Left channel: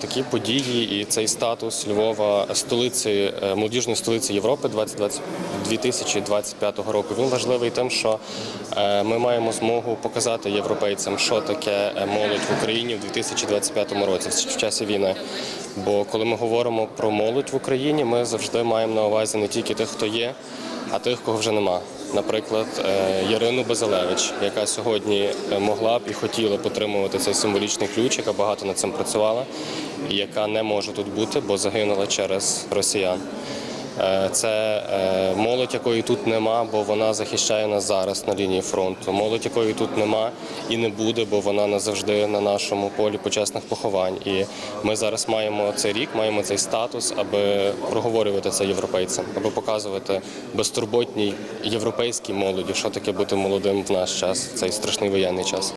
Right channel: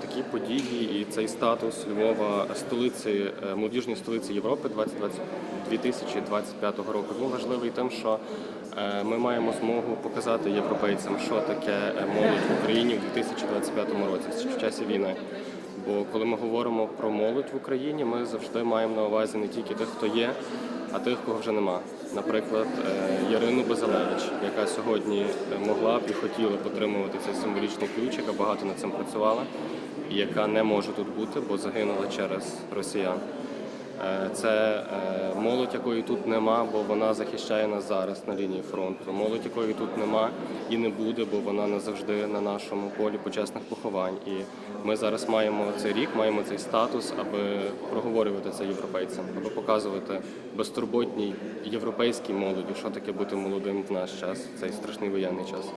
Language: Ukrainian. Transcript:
такі події і цей статус Львова столиці е, молодіжної столиці Європи 2025 року. Він важливий тим, що е, ми маємо змогу показати європейцям, що таке е, молодь в Україні в 2025 році в часі війни. Бо коли ми говоримо про молодь в Україні, ми завжди маємо на увазі не тільки тих, хто є, а тих, кого вже нема. Наприклад, е, Ярину Безалевич, яка сьогодні е, могла б і хотіла потримувати цей символічний ключ, яка багато над цим працювала, і яка не може тут бути, бо загинула через росіян. Е, Це е, молодь, якої тут нема, бо вона захищає нас зараз на лінії фронту. Молодь, якої тут нема і не буде, бо вона назавжди на нашому полі почесних поховань. І ми зараз маємо цей рік, маємо цей статус, аби проговорювати це європейцям, аби показувати безтурботній європейській молоді, що таке бути молодим в наш час, цей страшний воєнний час.